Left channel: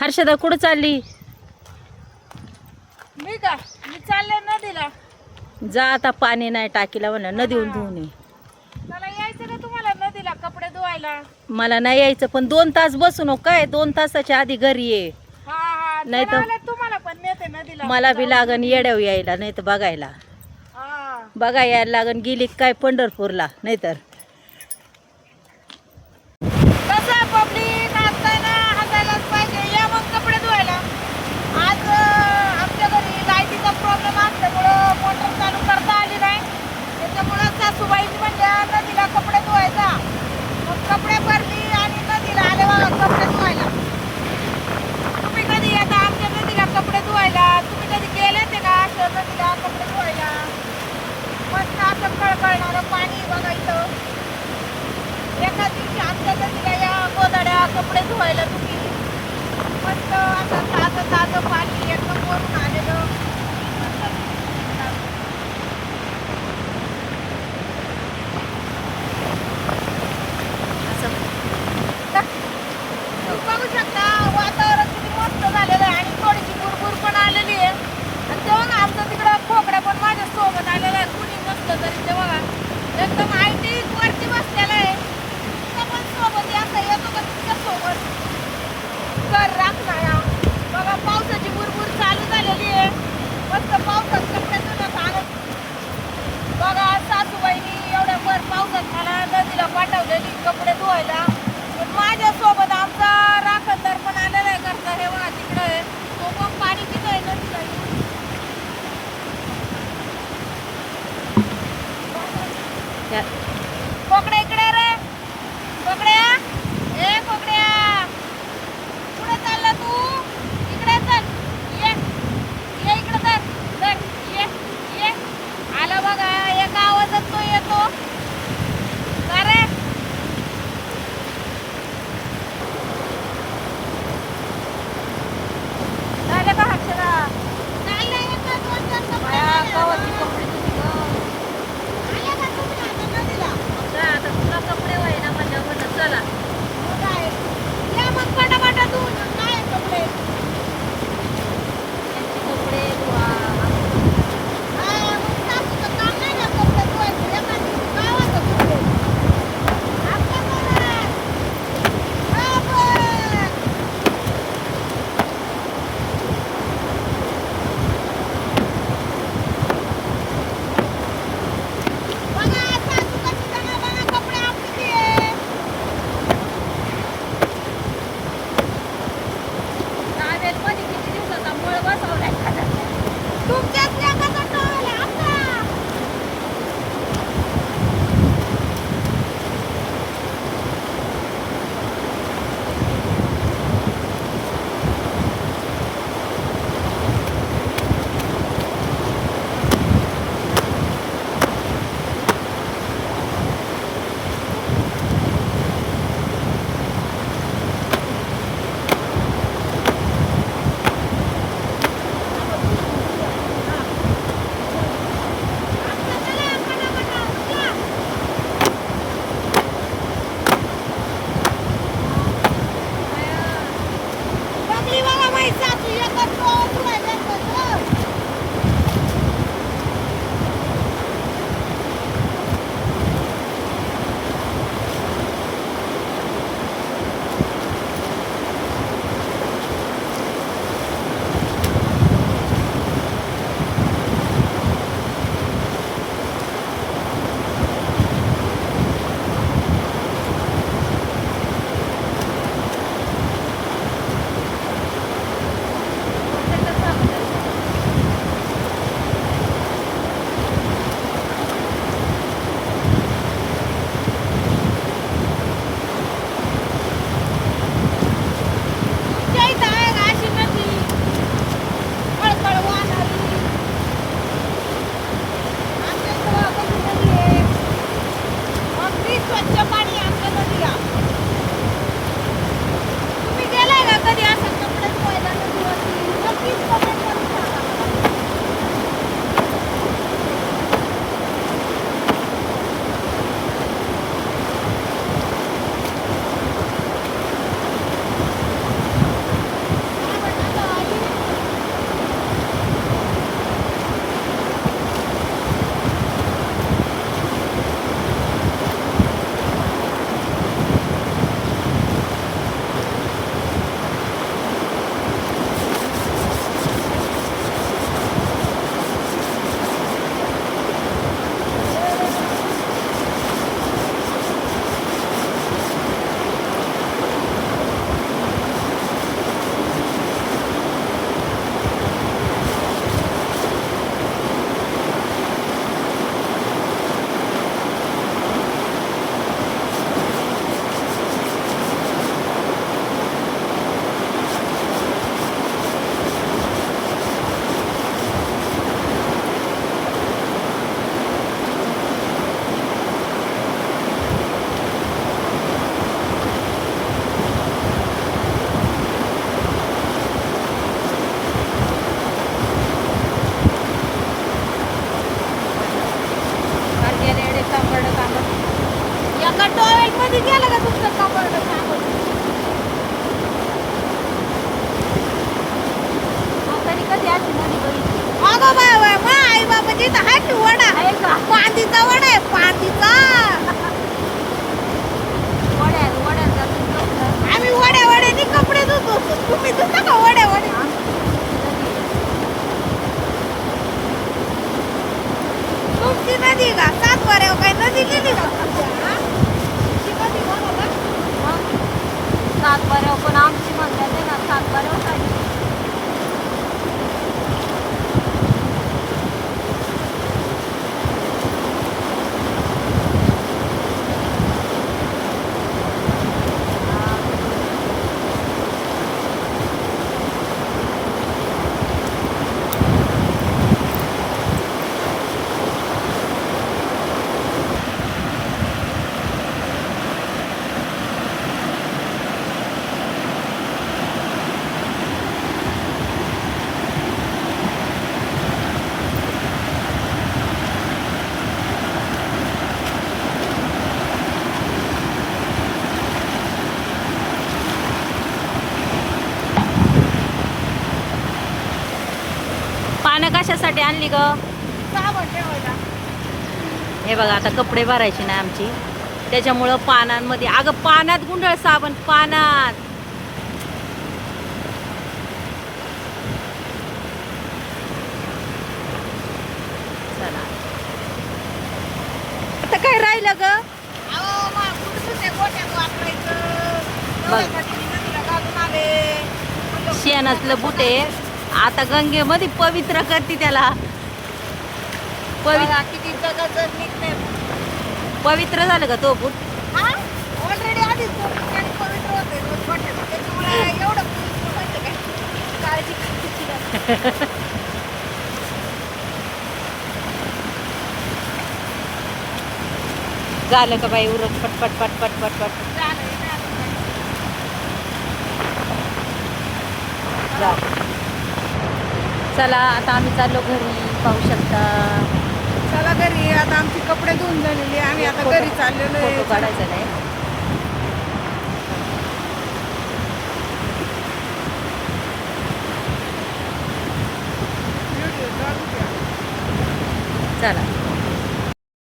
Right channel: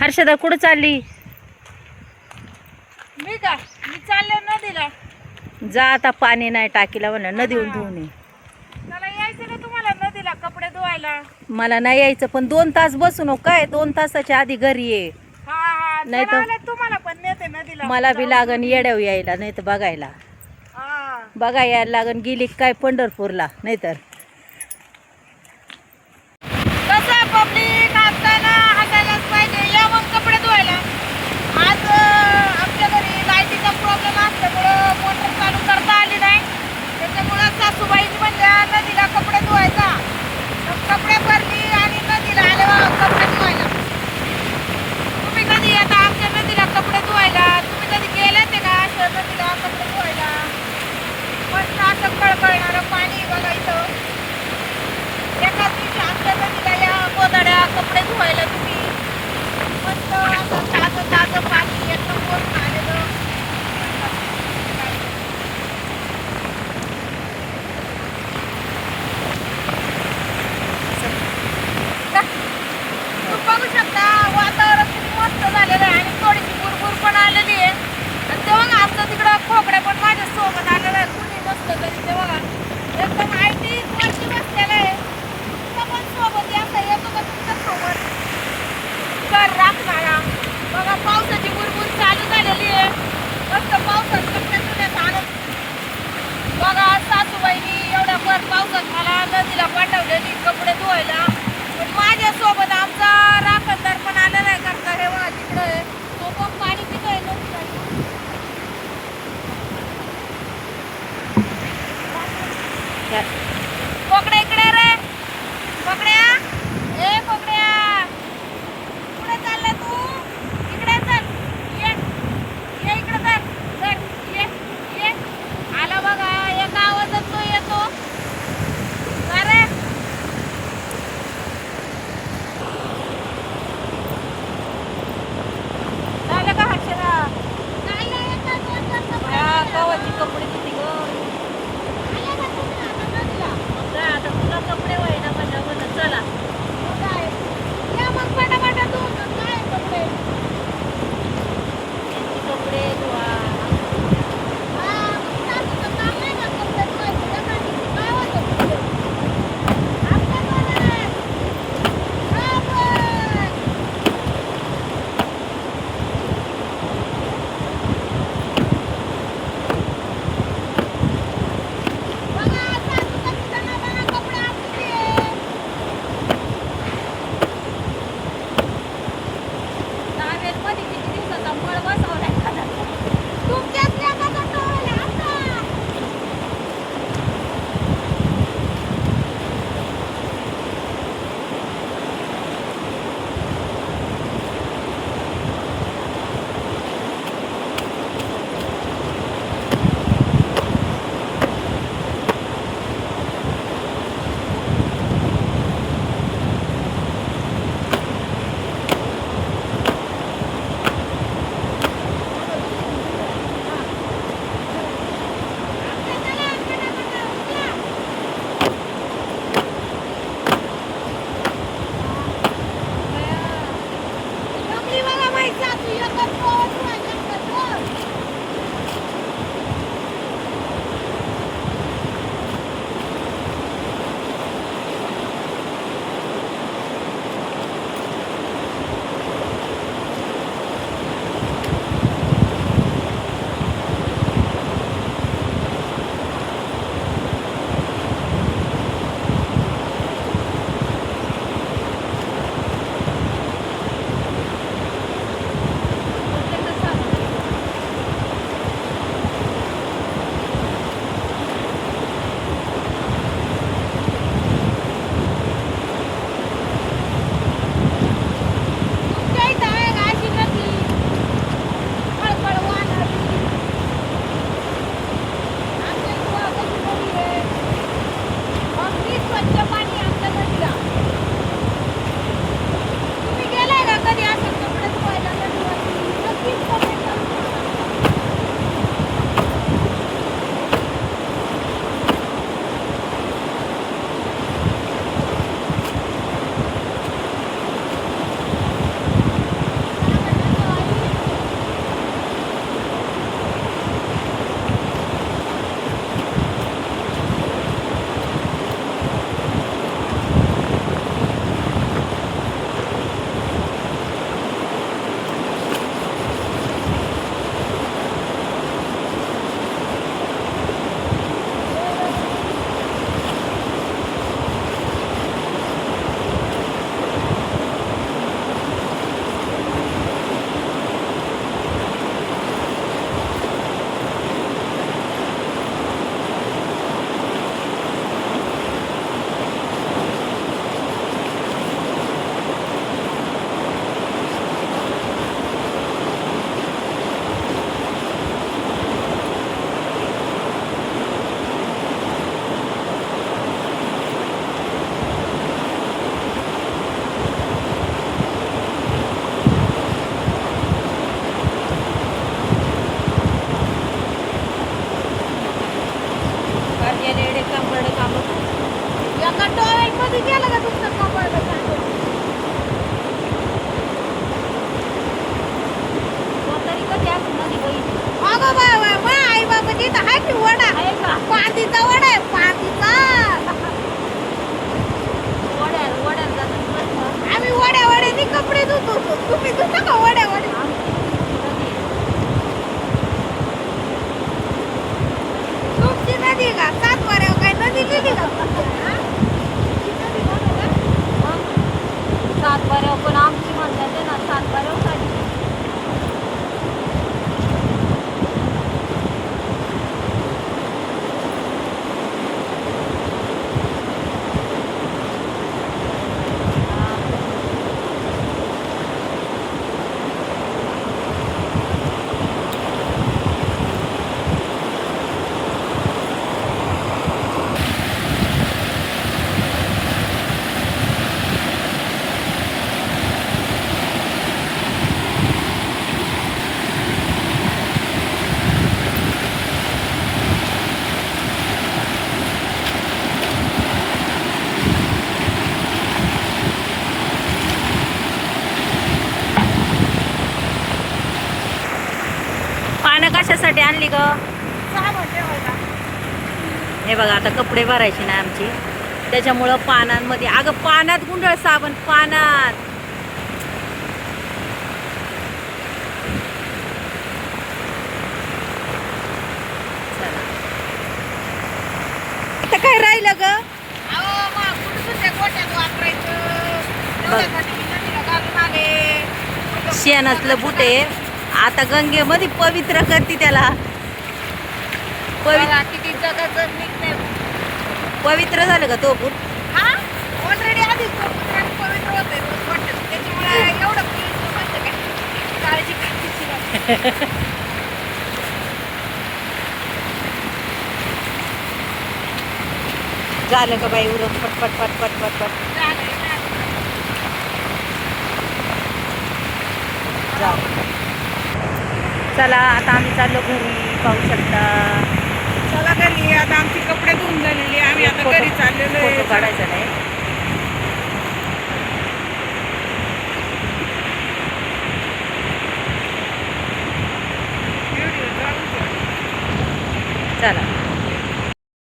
हर्षदा कुठं चालली? मी चालले नदीला. जा आता, पाणी नाही टाकीला म्हणा, नदीहून धुवून ये. त्याला यायचं का तुम्हाला नदीला कपडे धुवायला? मला नाही यायचं, पण 2 तास बसू नको काय, 2 तासाच्या आधी घरी ये. हा नाही चला तर आले, तुम्हाला पण नेते नदीला. मला बी लागन येड्याव यायला, नाही तर बघायला. हा बघा यायला लागन, गेली काय पंढरपूरला, नाहीतर कसं पब्लिक असताना हसायलाच पाहिजे. या मग कपडे धुवायला. आज आमच्या घरी लाईटीचा प्रॉब्लेम असल्यामुळं मोटर चालू करता आली नाही. त्याच्यामुळं सासूबाईंनी म्हणल्या नदीला कपडे धुवायचा. मग कपडे भरली आणि नदीला आले बा कपडे धुवायला. तुम्ही कधी येता आमच्या नदीला कपडे धुवायला? तुम्ही कधी गेले ते का अशा नदीला कपडे धुवायला? मस्त असं कळकळणारं पाणी बघा इथं. एका दिवशी आमच्या नदीला या गोदाड्या कपडे धुवायला तुम्ही. मस्त असं ताजं ताजं पाणी एकदम वरून आलेलं. तुम्ही बघू शकता वातावरण किती मस्त झालेलं आहे आणि थोडीशी बुरबुर पण आलेली आहे. आणि तेव्हा आमचं तिकडं खोकड्या पण माझ्या सोबत आलं ना, कुणी नसतं तरी तेव्हा एकदम आयटी वरती बसलेलं आहे. तुमचं पण सोबत यायचं येतं का तुमच्या सोबत? कर राखणारा बघा, पावसाची बुरबुर चालू झालेली आहे. मस्त पावसात कपडे धुण्याचा आनंद बघा. सासूबाईनी एवढ्या भर पावसात मला नदीला पाठवलेली कपडे धुवायला. पण माझ्यासोबत आमचा राखणदार पण आलेला आहे. का हे बघा तिकडे तो पण पाणी किती आहे नदीला. कोकड्या इकडे रे, कोकड्या. ए कोकड्या, कुठे चालला तू? इकडे चल, ये ये इकडे चल, ये ये. आला बघा, एका आवाजात तो येतो. अरे आमच्या इथं आहे की वडा आहे का? पांदीचा वडा आहे पांदीचा. वड्यात जातात बसतात. आम्ही वड्याने कपडे धुतो. तुम्ही धुता का वड्या? तुमची नदी का सातबाऱ्यावर काही नदी लिहिली का तुमच्या? तुमची नदी बघा ना. सातबाऱ्यावर पण आमची म्हणतात आहे ना, सातबाऱ्यावर झाली. पानं कशासाठी आणली ग? साबण ठेवायला. हे बघा आता कपडे भरायचे ना आमची, त्याच्यामुळं पानांमध्ये, अगं पानात गुंडळ साबण पानात. चला आता काय राहिलं ग? अहो मग कुठं त्या गोट्यात वापरायचं तेवढ्यासाठी मी नदीला घालून आले. म्हणलं, शेणातलं बुटे आता गंगेमध्ये पवित्र करते त्याला. बघा किती जगाचं निघतंय. पवित्र झालं का तो बूट? हा ऑलरेडी आधीच पवित्र होते गोट्यात, त्याच्यामुळे एवढं पवित्र म्हणजे काय काळजी करायची नाही. झालं का बाई उरक पटपट पटपट पटपट. झालंय ना. झालं. चला आता आम्ही चाललो घरी, पाहू शकता. चला घरी, आता आमची कपडे धुवून झालेली, आम्ही आता घरी चाललेलो आहे. फोटो काढायचा नाही. व्हिडिओ चालू ठेवा. चला